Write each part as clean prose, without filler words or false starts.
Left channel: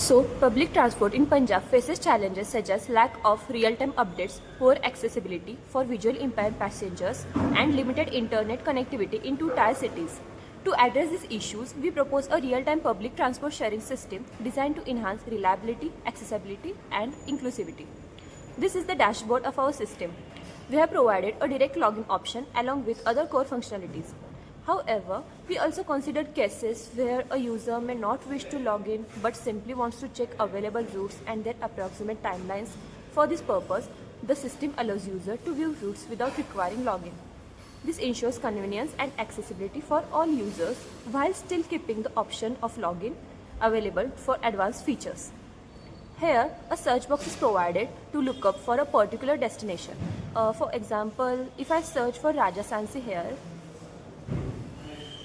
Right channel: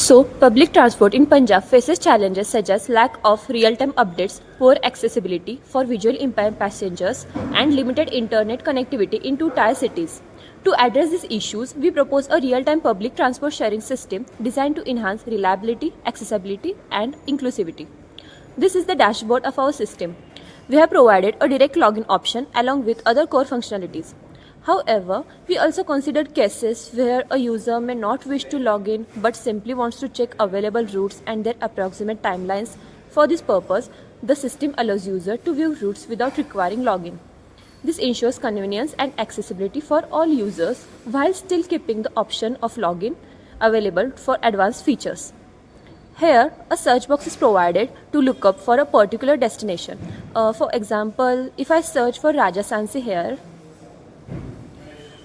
So, public transport in Punjab faces challenges such as lack of real-time updates, poor accessibility for visually impaired passengers, and limited internet connectivity in two-tier cities. To address these issues, we propose a real-time public transport sharing system designed to enhance reliability, accessibility, and inclusivity. This is the dashboard of our system. We have provided a direct login option along with other core functionalities. However, we also considered cases where a user may not wish to log in but simply wants to check available routes and their approximate timelines. For this purpose, the system allows user to view routes without requiring login. This ensures convenience and accessibility for all users while still keeping the option of login available for advanced features. Here, a search box is provided to look up for a particular destination. For example, if I search for Rajasthansi here,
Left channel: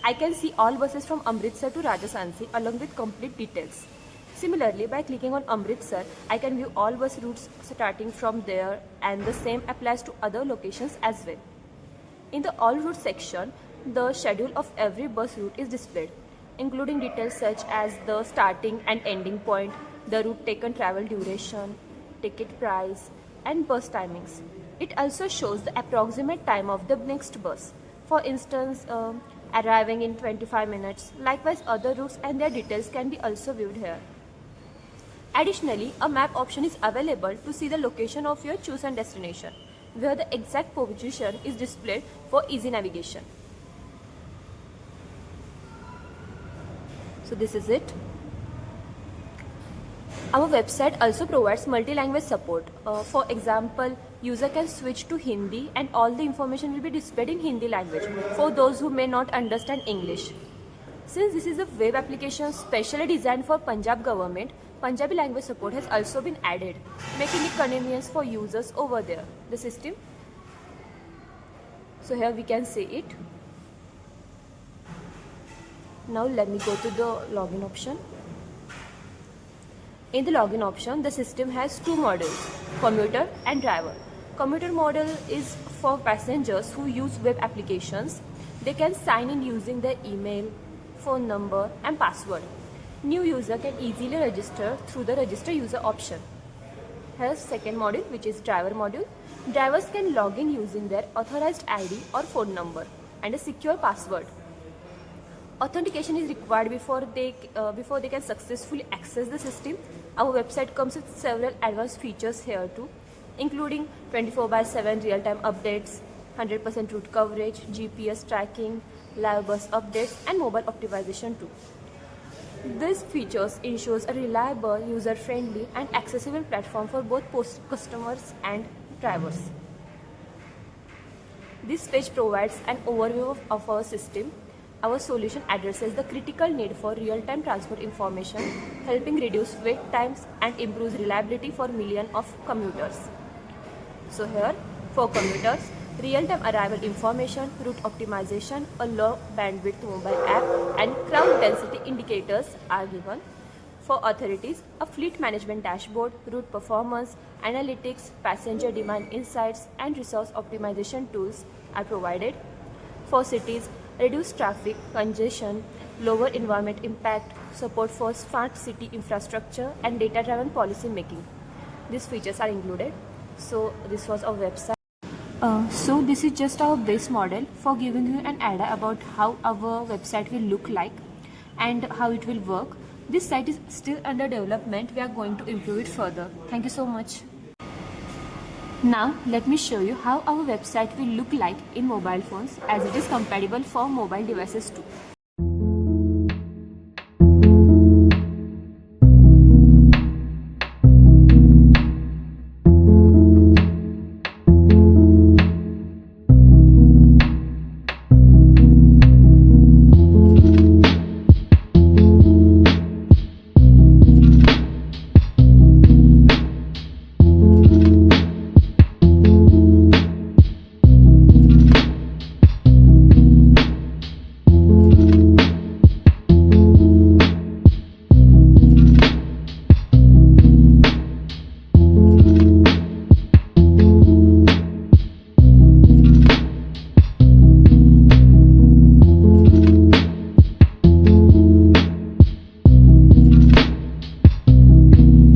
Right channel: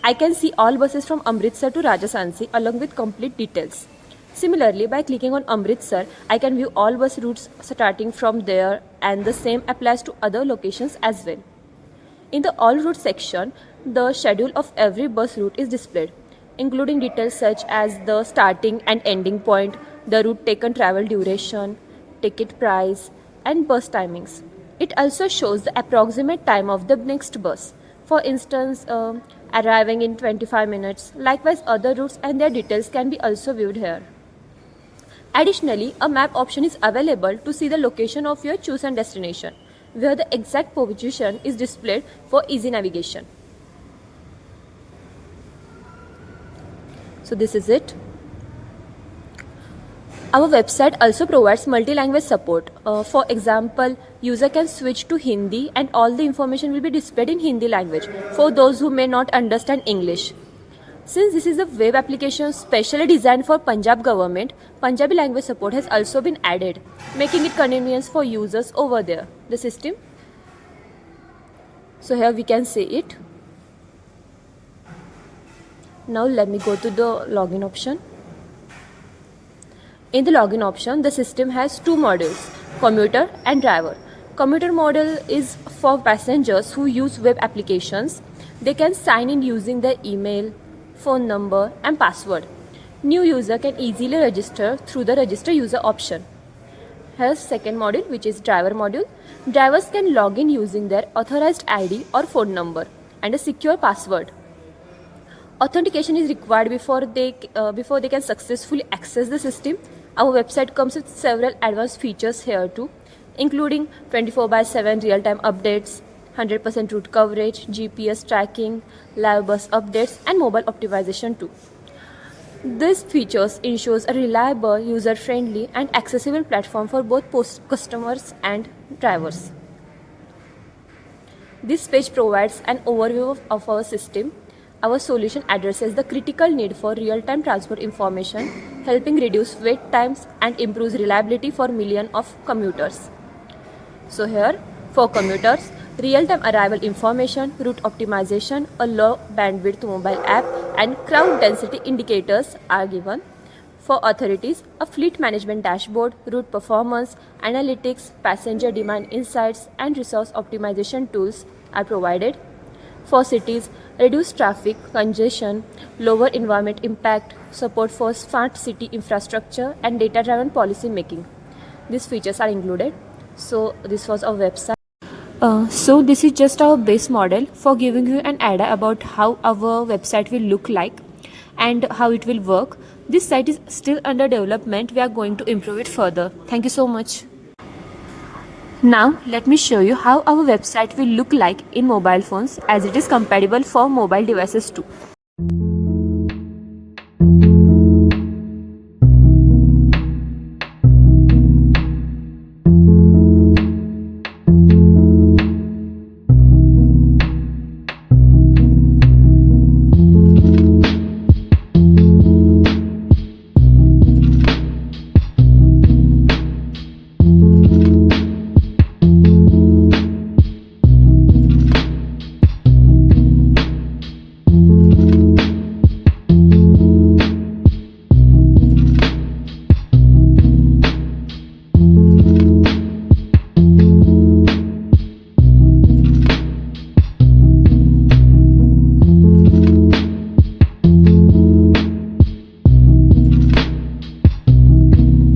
I can see all buses from Amritsar to Rajasthansi along with complete details. Similarly, by clicking on Amritsar, I can view all bus routes starting from there, and the same applies to other locations as well. In the All Routes section, the schedule of every bus route is displayed, including details such as the starting and ending point, the route taken travel duration, ticket price, and bus timings. It also shows the approximate time of the next bus. For instance, arriving in 25 minutes. Likewise, other routes and their details can be also viewed here. Additionally, a map option is available to see the location of your chosen destination, where the exact position is displayed for easy navigation. So this is it. Our website also provides multi-language support. For example, user can switch to Hindi and all the information will be displayed in Hindi language for those who may not understand English. Since this is a web application specially designed for Punjab government, Punjabi language support has also been added, making it convenient for users over there. The system. So here we can see it. Now let me go to the login option. In the login option, the system has two modules, commuter and driver. Commuter module is for passengers who use web applications. They can sign in using their email, phone number, and password. New user can easily register through the register user option. Here's second module, which is driver module. Drivers can log in using their authorized ID or phone number and a secure password. Authentication is required before they can successfully access the system. Our website comes with several advanced features here too, including 24/7 real-time updates, 100% route coverage, GPS tracking, live bus updates, and mobile optimization too. These features ensures a reliable, user-friendly, and accessible platform for both customers and drivers. This page provides an overview of our system. Our solution addresses the critical need for real-time transport information, helping reduce wait times and improves reliability for millions of commuters. So here, for commuters, real-time arrival information, route optimization, a low bandwidth mobile app, and crowd density indicators are given. For authorities, a fleet management dashboard, route performance, analytics, passenger demand insights, and resource optimization tools are provided. For cities, reduced traffic, congestion, lower environment impact, support for smart city infrastructure, and data-driven policy making. These features are included. So this was our website. So this is just our base model for giving you an idea about how our website will look like and how it will work. This site is still under development. We are going to improve it further. Thank you so much. Now let me show you how our website will look like in mobile phones, as it is compatible for mobile devices too.